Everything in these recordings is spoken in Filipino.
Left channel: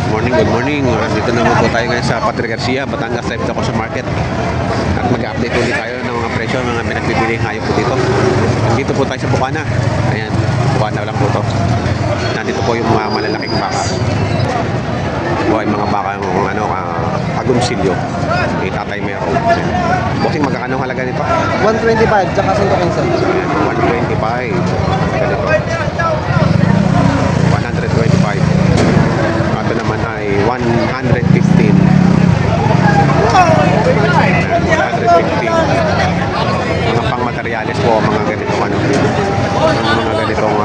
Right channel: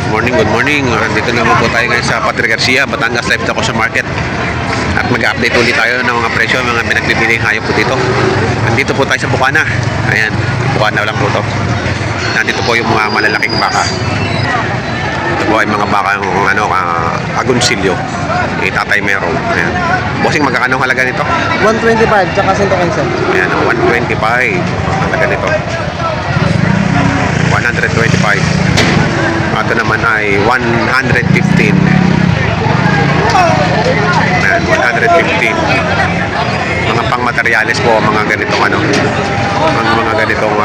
Good morning, good morning. Dito naman po tayo ngayon sa Padre Garcia, Batangas. Live ako sa market. At mag-update ulit tayo ng mga presyo, mga pinagbibiling hayop po dito. Nandito po tayo sa Bukana. Ayan, Bukana lang po to. Nandito po yung mga malalaking baka. Ito po ay mga baka ng agonsilyo. Tatay Merong. Ayan. Bossing, magkakano halaga nito? 125, tsaka 115. Ayan, 125. Halaga nito. 125. Ito naman ay 115. Ayan, 115. Mga pang materyales po, mga ganitong mga ganitong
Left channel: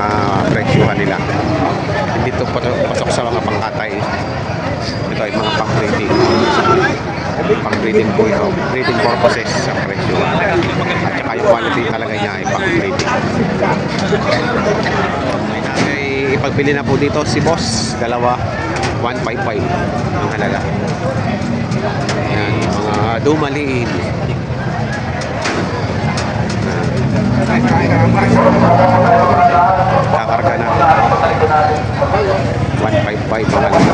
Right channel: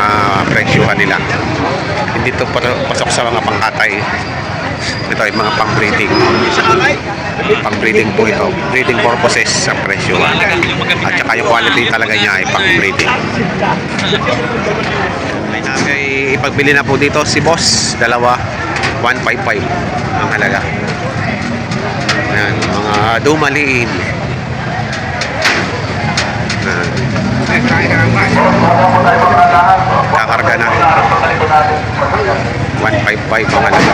presyuhan nila. Hindi ito pasok sa mga pangkatay. Ito ay mga pang-breeding. Pang-breeding po ito. Breeding purposes sa presyuhan. At saka yung quality talaga niya ay pang-breeding. May nagay ipagbili na po dito si boss. Dalawa, 155 ang halaga. Ayan, mga dumaliin. Kakarga na. 155 ang halaga.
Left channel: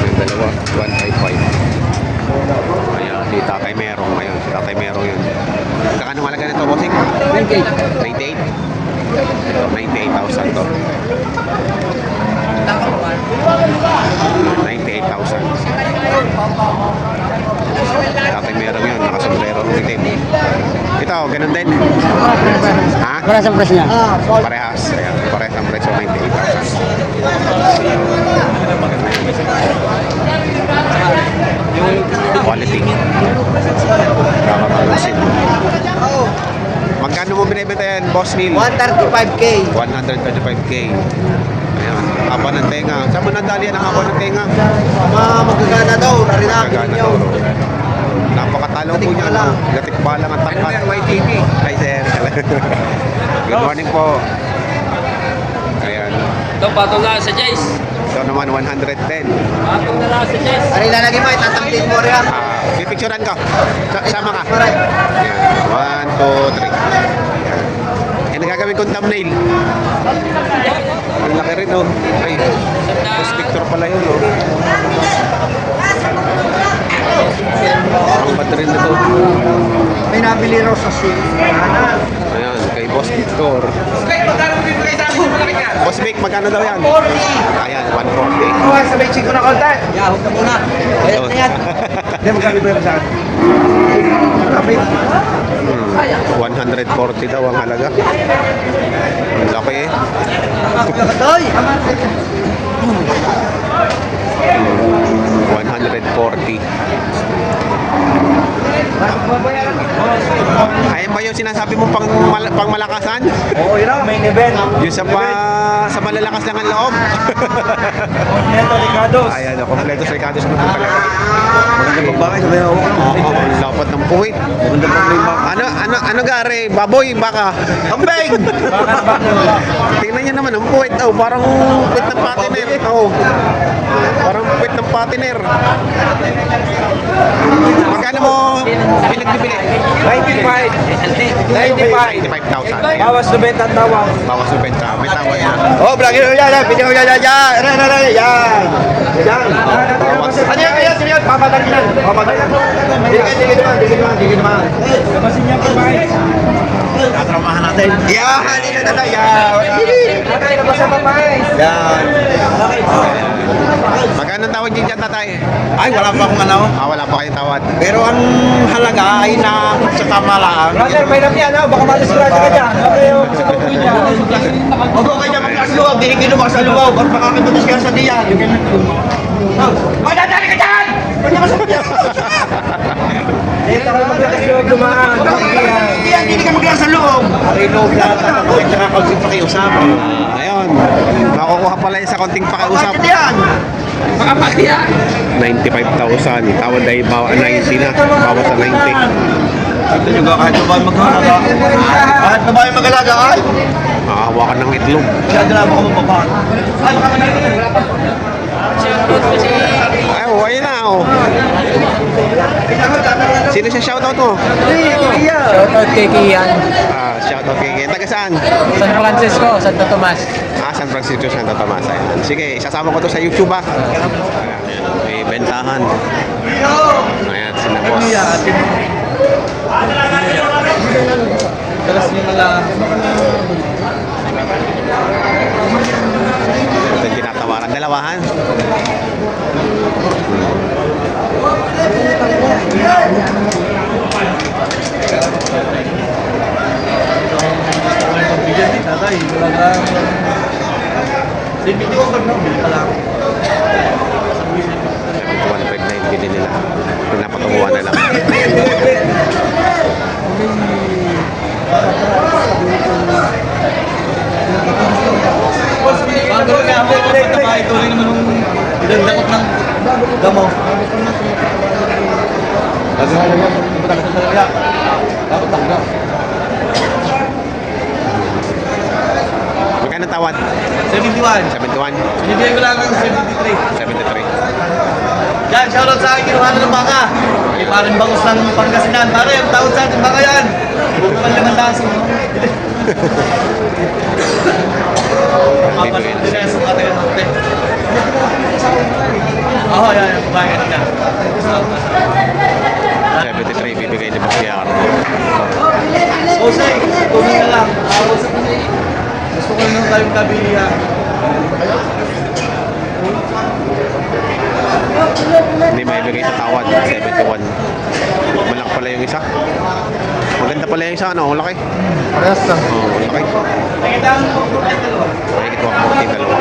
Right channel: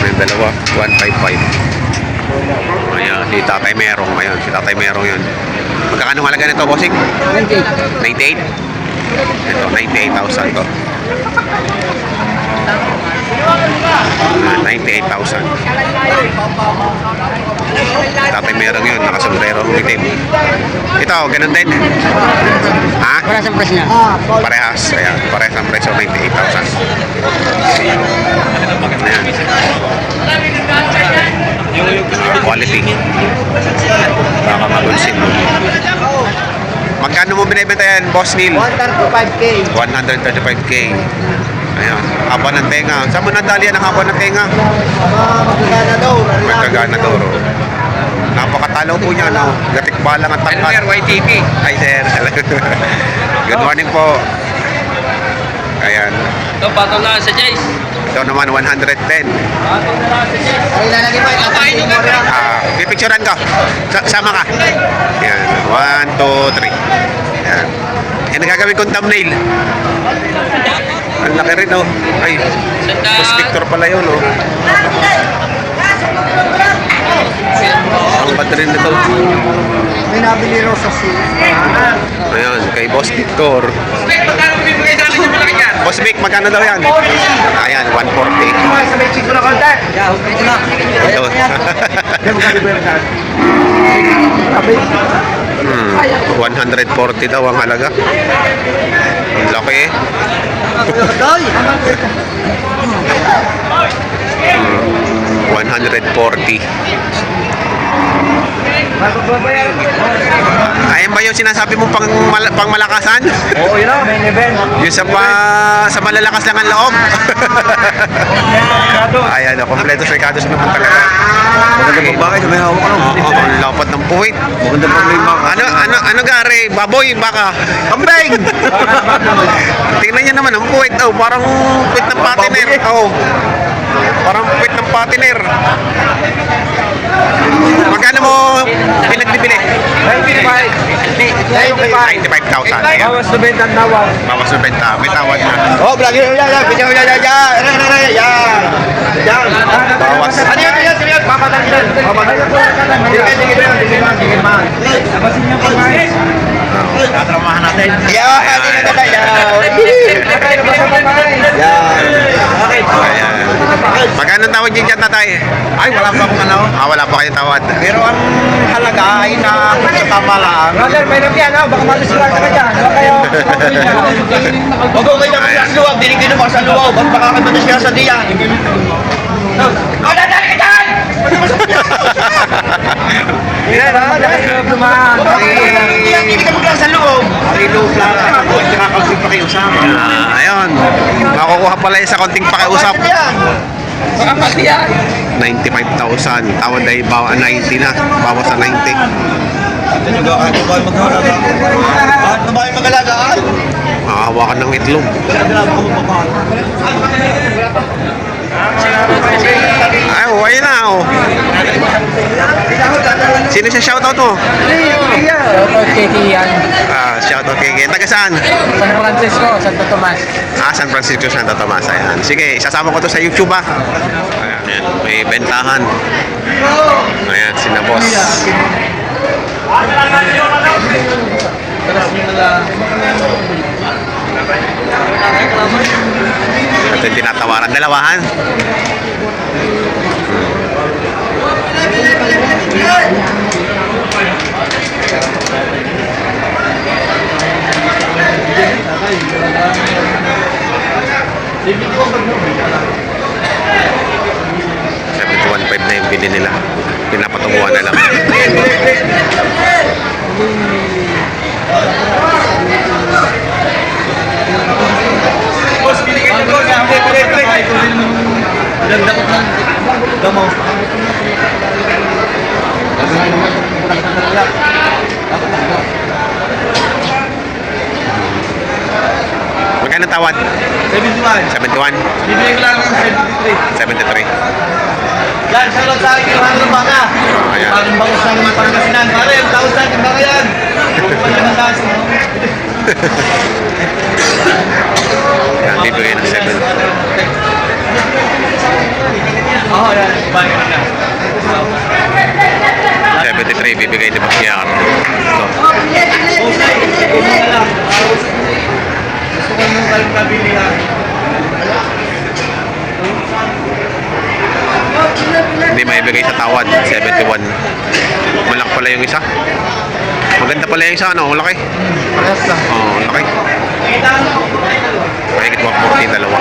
May dalawa, 155. Ayan, si Tatay Merong. Ayan, si Tatay Merong yun. Magkakano halaga nito, bossing? 98? Ito, 98,000 to. 98,000. Tatay Merong yun, nakasombrero ng itim. Ito, ganun din. Ha? Parehas ang presyo niya. Parehas. Ayan, parehas ang presyo, 98,000. Ayan. Quality. Baka magunsin. Magkano mo binibenta yan, Boss Neil? 135K. 135K. Ayan, haba ng tenga. Saan mo nadali yan ang haba ng tenga? Magkagana daw. Magkagana daw. Napakatalo po niya, no? Gatik balang at tangkat. YTP. Hi, sir. Good morning po. Ayan. Ito, bato na sa Jace. Ito naman, 110. Bato na sa Jace. Ay, lalagay mo. Itatangin mo rin. Pipicturean ko. Sama ka. Ayan. 1, 2, 3. Ayan. Yan ang gagawin kong thumbnail. Ang laki rin, oh. Ay, Boss Victor pala yun, oh. Ang bad rin ito. May nabili rin sa sea. Ayan, kay Boss Victor. Magkano bibigay natin yung malaki yan? Boss Vic, magkano daw yan? Ayan, 140. Sabay chiko na konti. Yeah, pwede na. Ayun. Sabay. 140 daw ang halaga. Ang laki eh. 140. Ayan ba yung sinasabi mong pang malakasan? Oo, yun. Main event. Yung sa malalakas lang ang loob. Ayan, kompleto sa Ricardo sa naman talaga. Ang lapad ng puwit. Ano gare? Baboy, baka. Kambing! Tingnan niyo naman ang puwit. Oh, parang puwit ng patiner. Oh. Parang puwit ng patiner. Magkano mo pinagbibili? 95,000. Ayan. Bawas na benta ang tawad. Bawas na benta. May tawad na. Oh, vlogger mo yan. Video mo yan. Yan. Yan. Bawas. Ano yan? Papadagyan. Digin man. Labasin niyo po, guys. Tatramahan natin. Yan. Ayan. Magkano tawad dyan dyan, tatay? Ay, wala pa akong ano. Wala pa kayong tawad. Pero ang halaga ay na sa pamalaan. Brother, may nabiyan ha. Baka matisira ka dyan. Huwag mo kayo sa luwaw. Binigyan mo sa luwaw. Ba't makakabatis ka sa diyan? Oh, dadali ka dyan! Yan ha. Dumaan. Hindi ka maglang sa luwaw. Marino, plata. Tsaka kausip pa kayo sa Ayun. Makukuha pala yun sa konting pakiusap. Makapati yan. 95,000. Tawad ay 90 na. Bawas sa 90. Kahit pa ba maghalaga? Kahit pa ba mag-alaga ay? Makahawakan ng itlog. Masyado na ako mapapahal. Ay, ayun na, oh. Sino siya shoutout mo? Shoutout kay Kian. Shoutout kay Ken. Taga saan? San Francisco, Santo Tomas. San Francisco, Santo Tomas. Ayan. Sige, isasama ko to sa YouTube ah. Ayan. May bentahan. Ayan, sina boss. Ito yung tinatawaran. Dalawahan. $71.5 na yung bili nila. Pinapatunguhan na lang. Boss, binigyan niyo boss. Tuloy naman yung ganda ng damo. Bago nga naman, pupunta ka sa talaga. Dapat talaga. Magkano tawad? 71. 71? Bibigyan ko lang ng 73. 73. Yan, shoutout sa akin yung hanggang ng baka. Ayan. Parang bangus ng Pangasinan. Pare, tawag sa akin baka yan. Pagkaman taso. Yan, bibigay ng 7. Oo, yan. Bangin na. 73 bibigay ni Boss Yar. Ito. Jose, kumain na lang. Gusto ko yung kalang pabilihan. Hindi maibigay sa tawad. 71. Malaki pala yung isa. Maganda pala yung isa. Ano? Laki. Oo, laki. Mahigit 140 dalawa.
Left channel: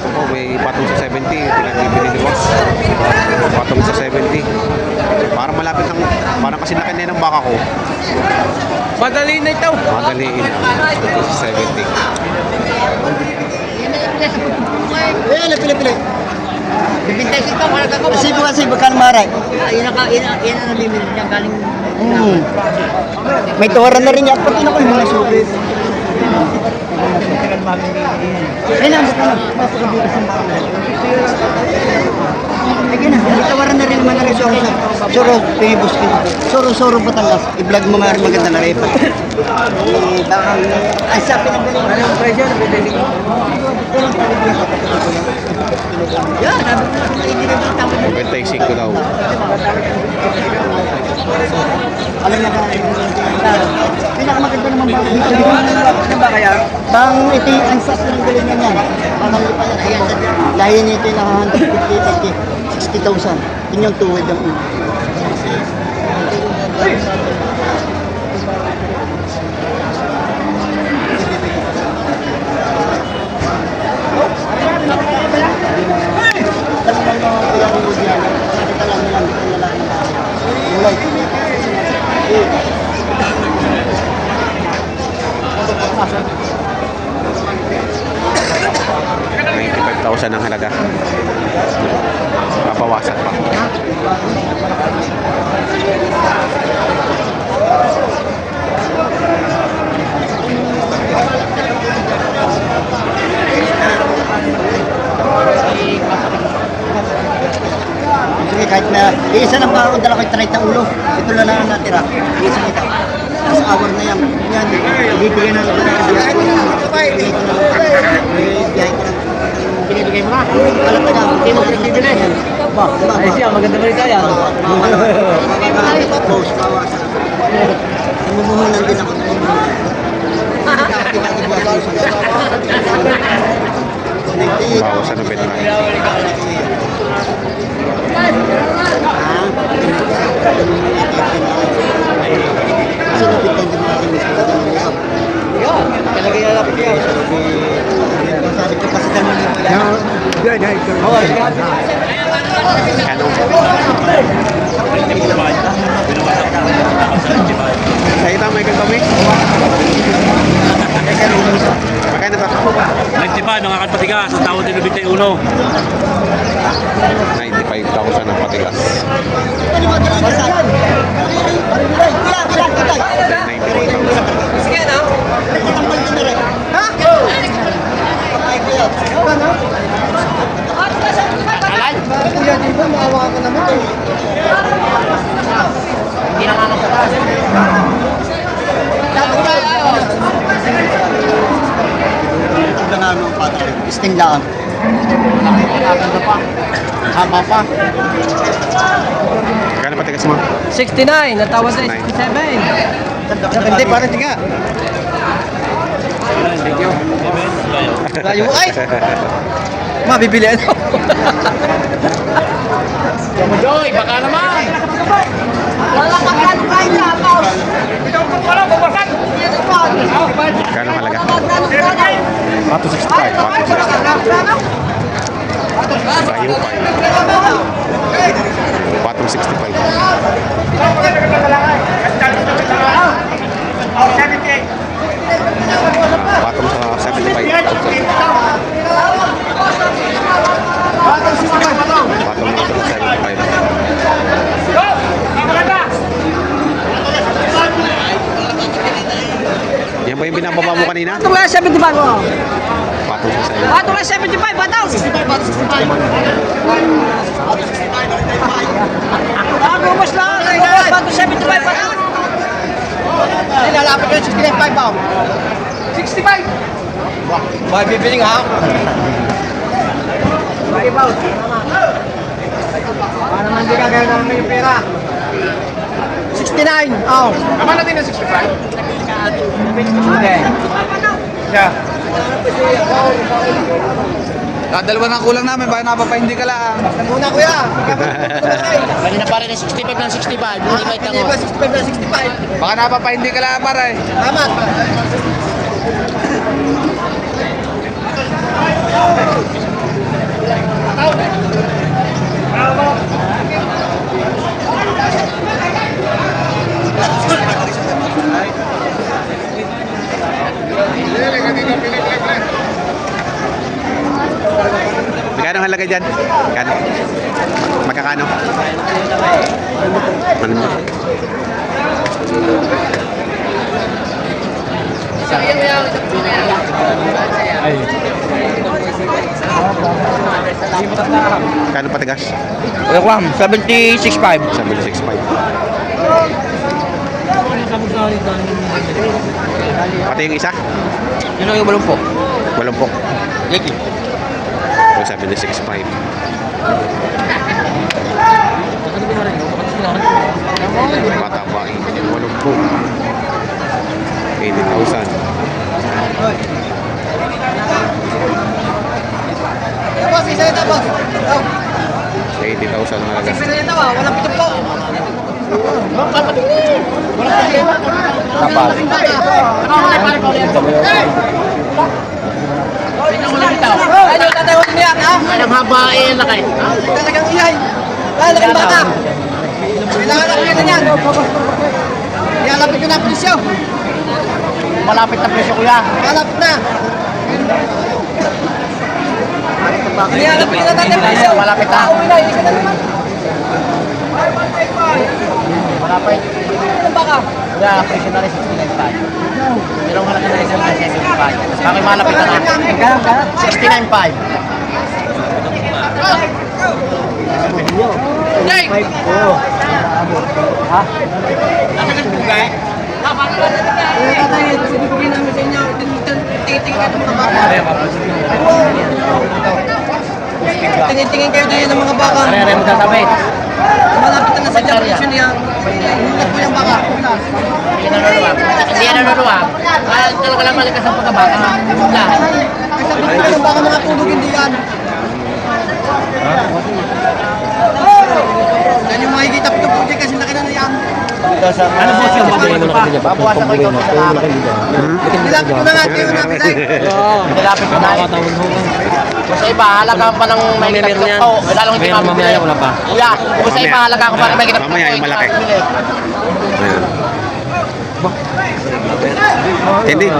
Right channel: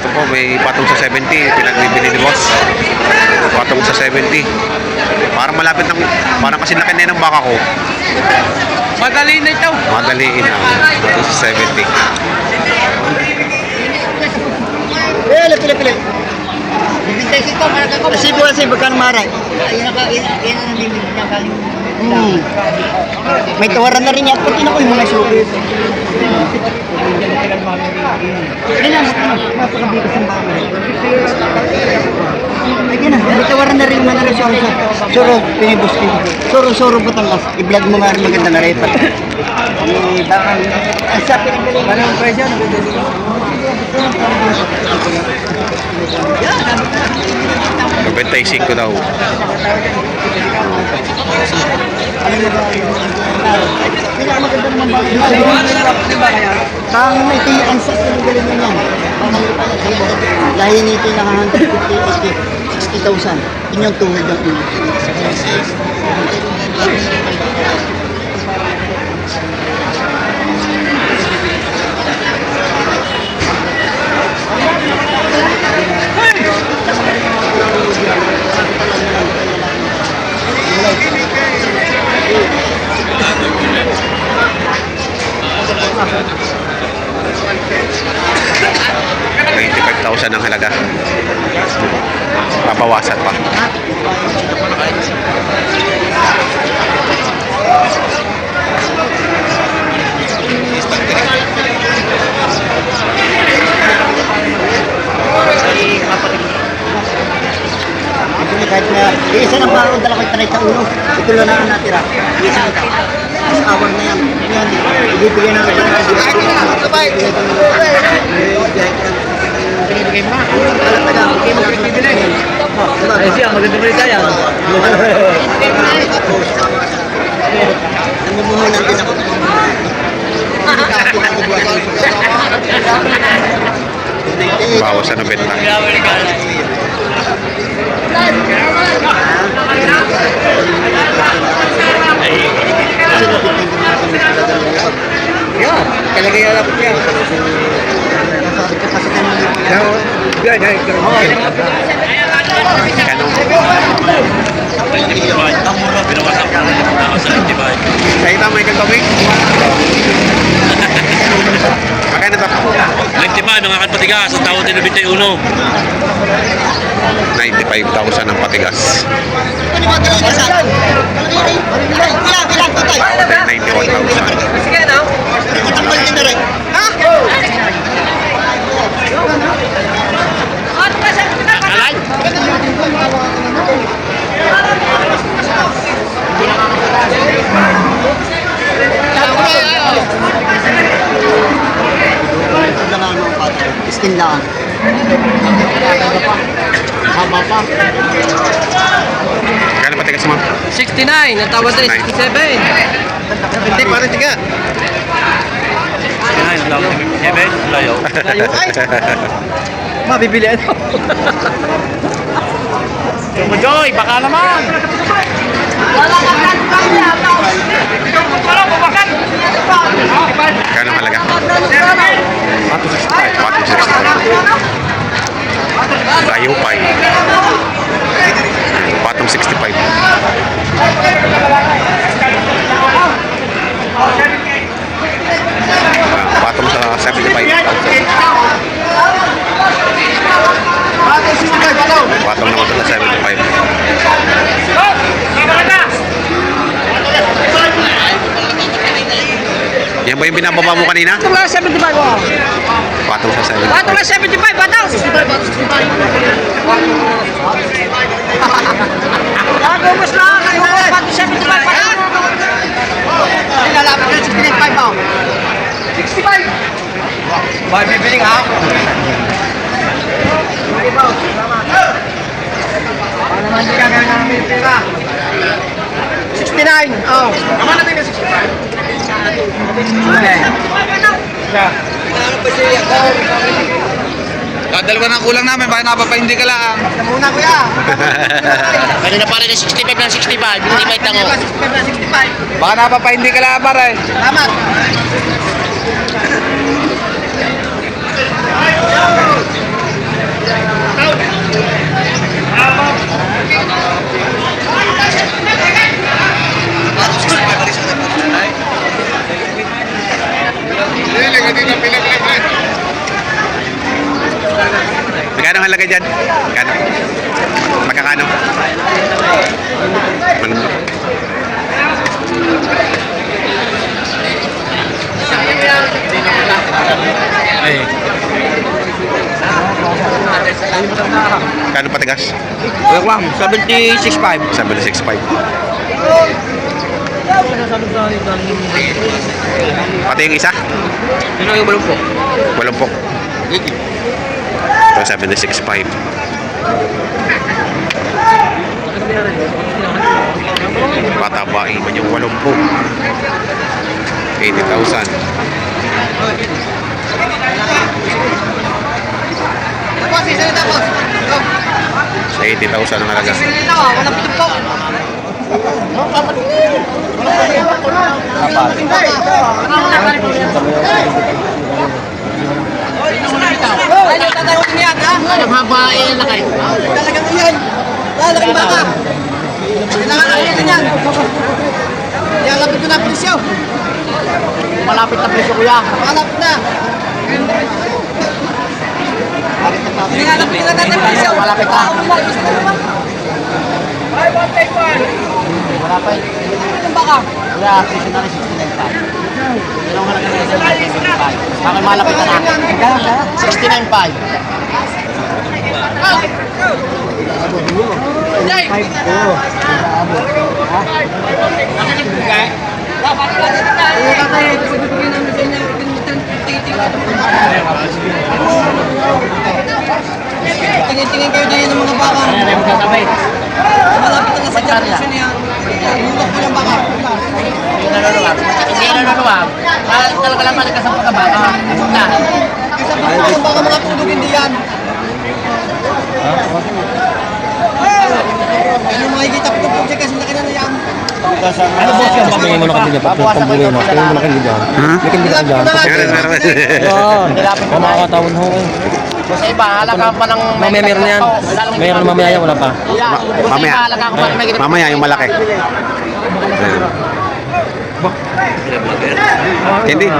Ito po, may patong sa 70. Pinagbibili ni Boss. Patong sa 70. Parang malapit ng... Parang kasi laki na yun ng baka ko. Madali na ito. Madaliin na. Patong sa 70. Pili. Bibintay kita para ka Kasi bakal maray. Yan ang limit niya kaling. May tawaran na rin yan. Pati na ko yung mga sulit. Kailan mo ka na? Mapakabigas ang baka. Yan na. May tawaran na rin yung mga resolution. Suro, pinibus ko. Suro, Batangas. I-vlog mo nga rin maganda na rin. Ang sakin ang galing. Anong presyo? 95 daw. Alam na ba? Pinakamaganda naman baka dito. Ano ba kaya? Tang ito yung ansas ng galing niya yan. Lahin nito yung 60,000. Yun yung tuhod ng ulo. $95,000 ang halaga. Papawasan pa. Kahit na isa ng baro, dala ko 30 ulo. Ito lang na ang natira. Isa nito. Sa hour na yan. Yan. Ibibigay na rin. Binibigay mo na. Alam na lang. Hindi mo pinibigay. Ay siya, maganda ba ito yan? Ano mo nang din ako? Bawas sa 90. Talaga yung lapit yan. Nasabi ka kasi ka nung Kano? Sa ito may kagabi? Magkano ito? 95 mga kapatiga sa taon din 91. 95,000 ang patigas. 91,000. Steam lang. Nakakaganda pa. Haba pa. Kano patigas mo? 69, natawad na 69. 67. Hindi, parang tiga. Layo. Ay! Mabibili ano? Joy, baka naman! Kano halaga? 65. 465. Layo pa eh. Patong 65. Patong sa 75,000. Patong naman ito sa 75. Yan ba yung binababa mo kanina? Ito lang 75 ko. Patong sa 75. Ito lang 75, patang. 65. Bumas lang. Patong 75, patang. Nilalapit yun, 65 pa. 65. Mabibiling ha? Para naman di gagawin namin yung pera. 69. Oh. Naman natin ng 65. Okay. Yeah. Dalawa na kulang namin, baka napapahindi ka lang. Muna kuya. Pwede na pare ng 65 ng 65. Hindi may tango. 65 na 65. Baka napapahindi ka lang, pare. Tama. Magkano ang halaga dyan? Magkano? Magkakano? Ay. Magkano patigas? Reklamo, 76.5. 765. Pati yung isa? Sino yung balong po? 80. Ito 765. Patabain man yung 80. 80,000. Tapos, isa na tapos. Sa 80,000 ang halaga. Isa na, walang pitong po. Ano tatawag mo yan, ha? Ang haba eh, laki. Talagang iyan. Lalaking baka. Kailangan lang yan yan. Ialapit ko na ang presyo. Malapit na presyo kuya. Malapit na. Ialapit na natin ang presyo. Malapit na. Malapit. Ilang baka? Kuya, presyo na rin 69.5. Ilang halaga na isang 69.5. Bakit malapit na na? 69.5. Tingin-tingin kayo din ng mga baka. Malapit na sa presyo niya. Inulat mo yung baka. Hindi yan ang luluwa. Talaga lang malikas ang pagkabata. Wala. Sabi ko ng baka mga tulog hindi yan. Yan yung makikita ko itong project kasi laki na na yan. Ano po siya? Babawasan ko ikaw sa lahat. Nilapit ko na lang. Nilapit ko na. Kung sa iba, halaga pa ng may katlong ko. Lalong hindi pa mamaya wala pa. Kuya, kung sa iba, halaga ko pa ng may katlong. Mamaya yung malaki. Ayan. Hindi.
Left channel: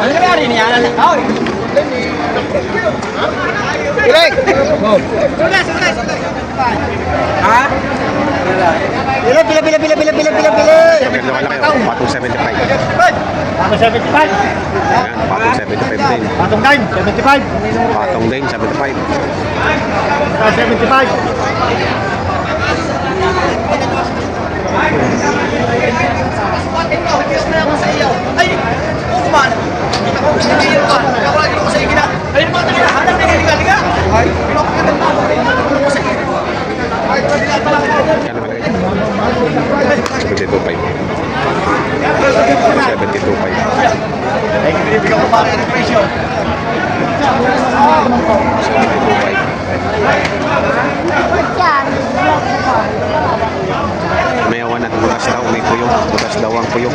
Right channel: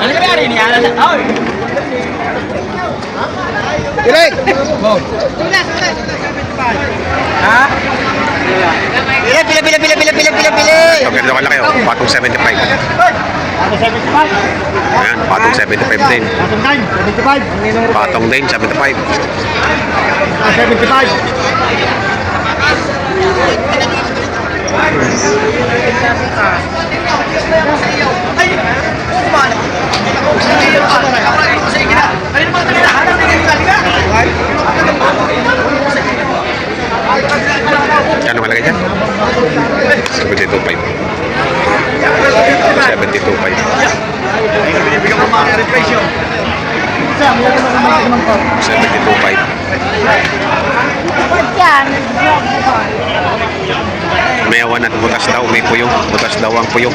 Ano ka rin niya? Direk! Ha? Ito, ganito kalaki oh. Patong 75. Ako 75. Ayan, patong 75 din. Patong din, 75. Patong din, 75. 75. Kano malagay dyan? 72.5. 72.5. 72.5. May awan at butas daw, may puyo. Butas daw ang puyo.